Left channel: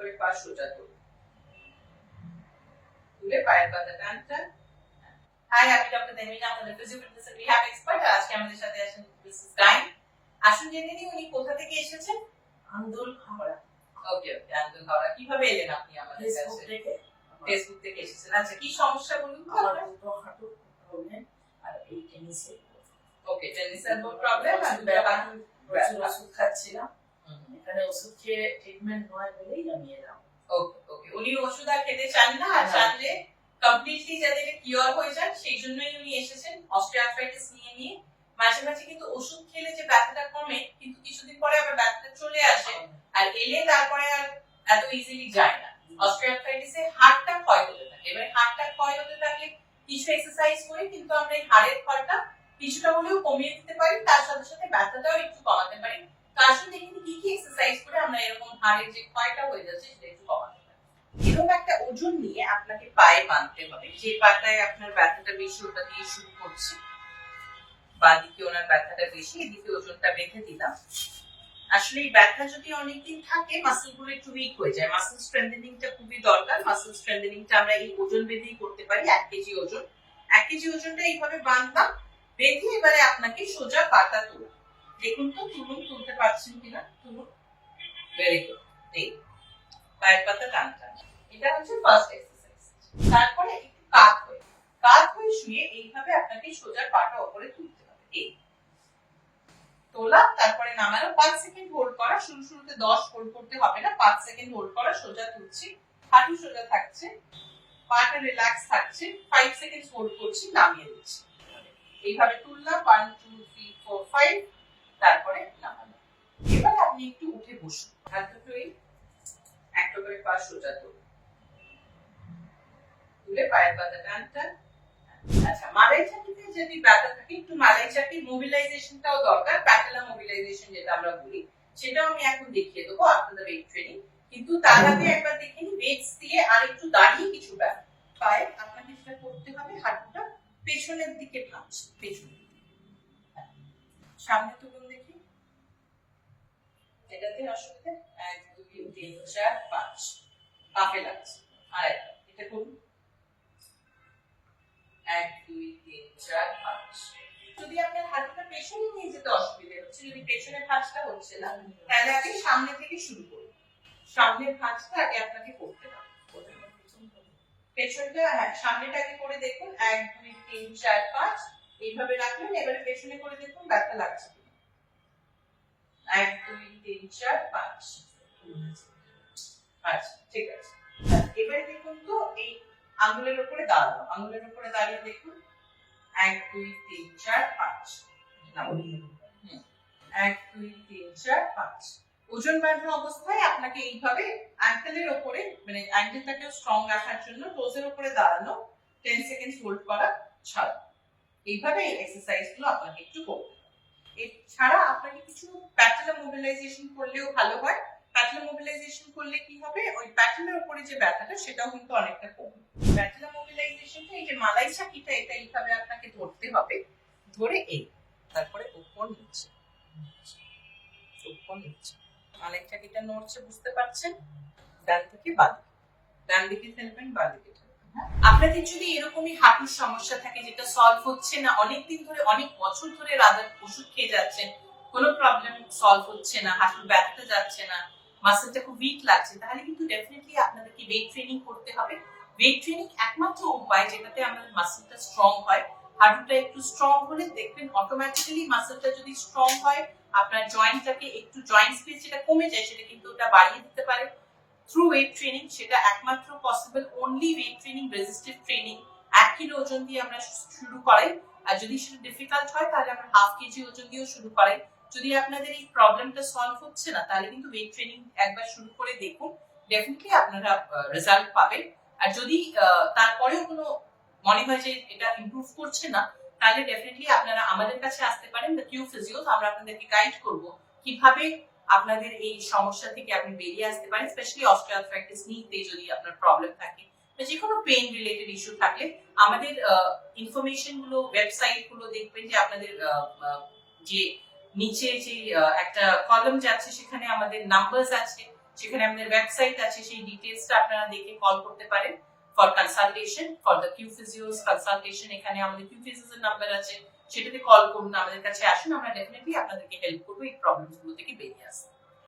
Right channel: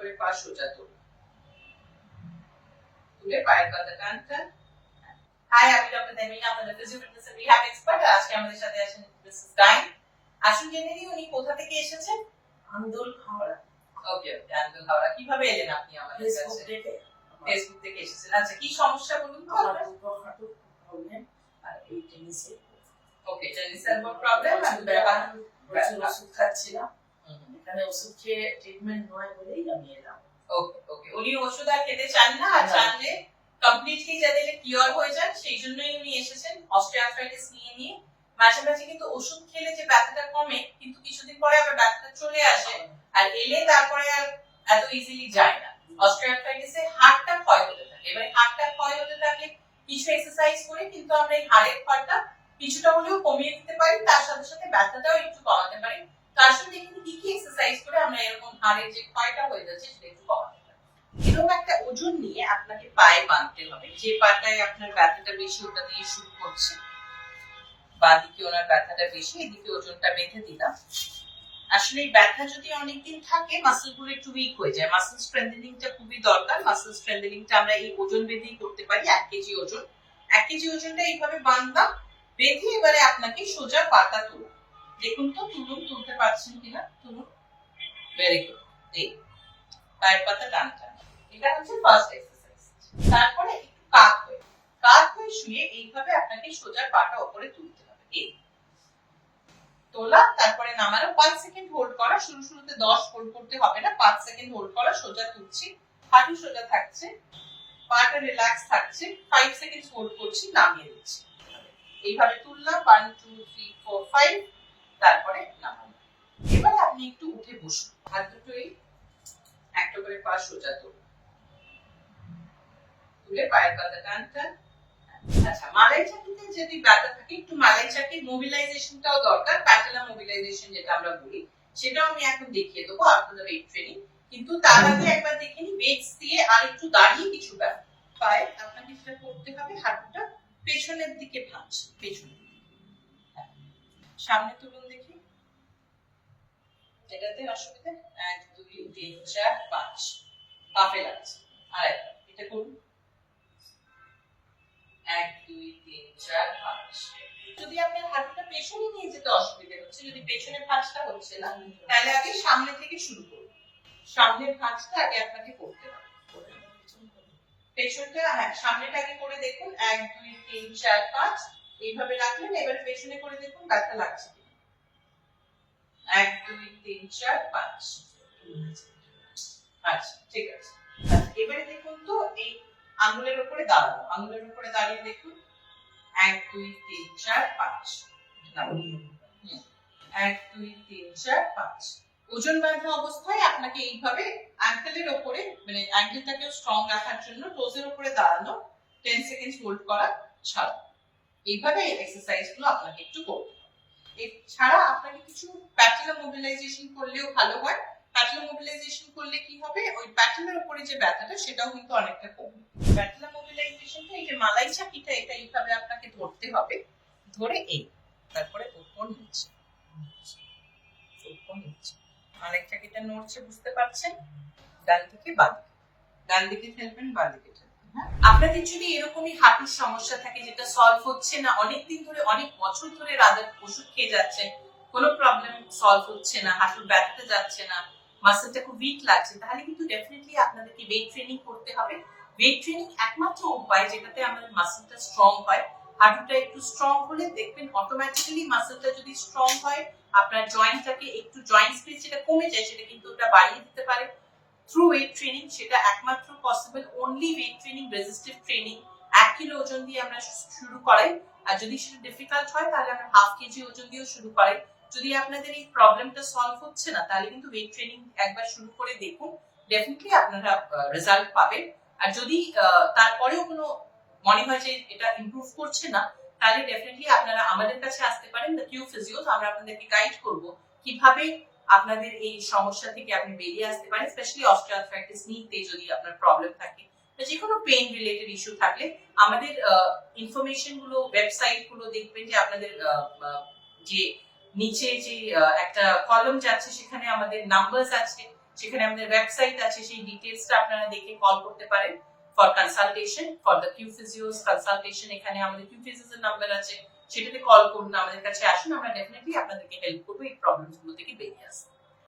করে পা সোজা তুলে পায়ের পাতা টান টান। হাই, আমি ডক্টর দেমিনা, আপনাদের physio fitness and rehab expert. আজকে আমাদের সাথে আছেন মিসেস ডাইন। আসুন জেনে নিই উনি কোথা থেকে এসেছেন। আন্দোল হাওড়া। ওকে, আন্দোল হাওড়া। কিভাবে এলেন আপনি আমাদের কাছে? ফেসবুক থেকে এসেছেন। আচ্ছা, কি সমস্যা বলুন তো? আমার দুটো হাঁটুর প্রবলেম আর এই টেনিসের। ওকে, টেনিসের প্রবলেম আর প্রচুর ওষুধ খাচ্ছিলাম। এখানে ওষুধ খেয়ে ট্রিটমেন্ট নয় বলেই আমি এলাম। ওকে ওকে, উনি ওষুধ আর খেতে চান না, আর চাইলে কমপ্লিটলি যাতে কিওর হয়ে যান সেই জন্যই উনি এসেছেন অস্টিওআর্থ্রাইটিস নিয়ে। মাঝে মাঝে কিন্তু ওষুধ খেলে যে ব্যথাটা কমে, কিন্তু কিছুদিন পরে আবার ব্যথাটা চলে আসে, আর এলে তারপরে আর এত ইজিলি যায় না। অস্টিওআর্থ্রাইটিসে হাড়টা ক্ষয় হতে থাকে। এবারে হাড়টা ক্ষয় হতে থাকলে কিছু এক্সারসাইজ করে কিন্তু আমরা এই হাড়ের ক্ষয়টা কিছুটা হলেও কমিয়ে দিতে পারি, তার সাথে সাথে ব্যথাটাও একটু কমাতে পারি। তার সাথে কিন্তু কি এক্সারসাইজ করে আমরা এরকম হাড়ের যে ক্ষয়টা হয়ে যাচ্ছে সেটা একটু কমাতে পারি। এরকম একটা ওজন নিয়ে আপনাকে পায়ে বাঁধতে হবে। যে পাটায় আপনার ব্যথাটা বেশি ওটা দিয়ে শুরু করছি। বাঁদিকে ওনার ব্যথাটা বেশি, এদিকে ওজনটা বেঁধে দিলাম। আসলে এই ব্যথা যদি অনেকদিন থাকে, মাসল গুলো একটু উইক হয়ে যায়। মাসল স্ট্রেংথেনিংটা খুবই দরকার। মাসল স্ট্রেংথেনিংটা আমরা এই ওজন বেঁধেই করতে পারি। 1 কেজি ওজন, 1 কেজি ওজনটা এইভাবে বাঁধলাম। বেঁধে এবারে আপনাকে সোজা পাতা তোলা। দেখুন তো তুলতে পারছেন কিনা। তুলুন, ভেরি গুড। এই পায়ের পাতা টান টান। এটা হচ্ছে ফার্স্ট এক্সারসাইজ। তারপরে একটু কাত হয়ে শুয়ে এইভাবে আপনাকে সোজা পাটা উপরে তুলতে হবে। এই তোলা, তারপরে নামানো। 5 সেকেন্ড হোল্ড করা। শুরুতে 10 হোল্ড করতে হবে না, 5 সেকেন্ড হোল্ড করা। সোজা তুলছি, হাঁটু সোজা থাকছে, পাটা রিল্যাক্স থাকছে। 5 সেকেন্ড হোল্ড করছি, নামিয়ে দিচ্ছি। এইভাবে তুললাম, 1 2 3 4 5, তারপরে নামানো। এবার আপনি একটু উঠে বসুন। হাত দুটো একটা করে পা সোজা তুলে পায়ের পাতা টান টান। আচ্ছা, মালাই চাকিতে যদি ব্যথা থাকে, একটু মালাই চাকির মোবিলাইজেশনটাও দরকার। প্যাটেলা মোবিলাইজেশন যেটা আমরা বলি, সেটাও আমি এখন দেখিয়ে দেবো আফটার দ্য ওয়েট ট্রেনিং। কিন্তু তার আগে একবার দেখে নিই ওয়েটস দিয়ে আর একটু দাঁড়িয়ে কিছু ব্যায়াম। পায়ে আপনাকে যেটা করতে হবে, হাঁটুটা পেছনের দিকে ভাঁজছে, পেছনের দিকে। সামনে তুলুন দেখি। এটাতে অসুবিধা? 1 2 3 4 5, পাপে লাগছে। আরেকটা এটা করুন। 1 2 3 4 5। যদি আপনার হাতটা পেছনে নিয়ে যেতে অসুবিধা হচ্ছে, যদি পেছনের ভাঁজটা হচ্ছে না, তাহলে আগে সামনে থেকে শুরু করুন। সামনের ভাঁজটা আগে আপনাকে করতে হবে। পেছনটা, হ্যাঁ, সামনেটা আগে করে দেখুন। 1 2 3 4 5 এইভাবে রাখলেন। এবার পেছনে করে দেখুন ব্যথা লাগছে কিনা। 1 2 3 4 5। আচ্ছা, ঠিক আছে। এবারে দেখুন তো এই আঙ্গুলের উপরে দাঁড়ানো। আঙ্গুলের উপরে দাঁড়িয়ে দেখুন। 1 2 3 4 5। 1 2 3 4 5। ওজন বাঁধা অবস্থায় আপনাকে এইভাবে অ্যাঙ্কেলের উপরে, মানে অ্যাঙ্কেলটাকে স্ট্রং রাখার জন্য টোজের উপরে দাঁড়ানো, 10 সেকেন্ড হোল্ড করা, ছাড়া। এইভাবে এই এক্সারসাইজগুলো আপনাকে একটু করতে হবে। এছাড়া আপনাকে কিছু প্যাটেলা মোবিলাইজেশন করলেও ভালো হয়। প্যাটেলা মোবিলাইজেশন করলে কি হবে, ওই প্যাটেলার উপরে যে ব্যথাটা সেটাও কিন্তু অনেকটা কমবে। প্যাটেলা মোবিলাইজেশনটা, এই যে মালাই চাকিটা, এটা এইভাবে আপনাকে ধরতে হবে। ধরে এই, তারপরে উপর নিচে, উপর নিচে। মালাই চাকিটা নড়ছে, বুঝতে পারছেন? ডান থেকে বাঁ দিকে, ডান দিকে ফেলবেন, বাঁ দিকে ঠেলবেন। আপনাদের যদি এরকমই হাঁটুর সমস্যা থাকে যেটা সলভ হচ্ছে না, অনেকদিন ধরে, অনেক বছর ধরে রাদার ওষুধ খেয়ে যাচ্ছেন, কোনো প্রবলেম সলভ হচ্ছে না, হাঁটুর ব্যথাটা যাচ্ছে না, মাসলটা খুব উইক লাগছে, তাহলে কিন্তু ডেফিনেটলি আপনাদেরকে ওয়েট ট্রেনিং করতে হবে। ওয়েট ট্রেনিং একমাত্র উপায় যেটাতে আমাদের মাসলটা স্ট্রং হয়। হাঁটুটা একটু স্ট্রং হলে দেখবেন অটোমেটিক্যালি মাসলটা যদি স্ট্রং হয়, আপনার জয়েন্টটাকে একটু, জয়েন্ট স্পেস যেটা কমে যায় সেটা কিন্তু ওটা বাড়িয়ে দিতে পারে থ্রু ওয়েট ট্রেনিং। সেটা একমাত্র possible only weight training, resistive training. 1 kilo ওজন দিয়ে আমরা শুরু করাই, আর যদি সেটা ডিফিকাল্ট হয় তাহলে আমরা 1/2 কেজি ওজন দিয়েও শুরু করাই। যদি আপনাদের এই প্রবলেমটা সলভ হচ্ছে না, তাহলে কিন্তু ওয়েট ট্রেনিং একবার শুরু করে দেখুন, ডেফিনেটলি আপনারা রেজাল্ট পাবেন। আর যদি তারপরেও কোনো মনে হয় যে এটা ইমপ্রুভ করছে না, তাহলে ডেফিনেটলি আপনারা আমাদের কাছে আসতে পারেন, দ্য কিউ ফিজিওস। আমরা আপনাদেরকে গাইড করব কিভাবে আপনাদের এই সমস্যা থেকে আপনি বেরিয়ে আসতে পারেন, স্পেশালি অস্টিওআর্থ্রাইটিস নিতে যদি আপনার প্রবলেম থাকে, বা যে কোনো পেইন রিলেটেড ইস্যু থাকলে আমাদের ইনফরমেশন গুলো, ওয়েবসাইট গুলো দেখবেন যে আপনাদের যে নিচে যে একটা কলাম যাচ্ছে, সেখানে আমাদের নাম্বারস আছে, সেখানে আমাদের ওয়েবসাইট আছে, সেই ডিটেলসটা আপনারা দেখে কল করতে পারেন for consultation, for the Q Physios consultation. এখানে আমাদের কিউ ফিজিওস এর নাম্বার আছে, সেটাতে কল করুন, আমাদের কাছে আসুন, আমরা ডেফিনেটলি আপনাদেরকে হেল্প করবো এই প্রবলেমস গুলো থেকে বেরিয়ে আসতে।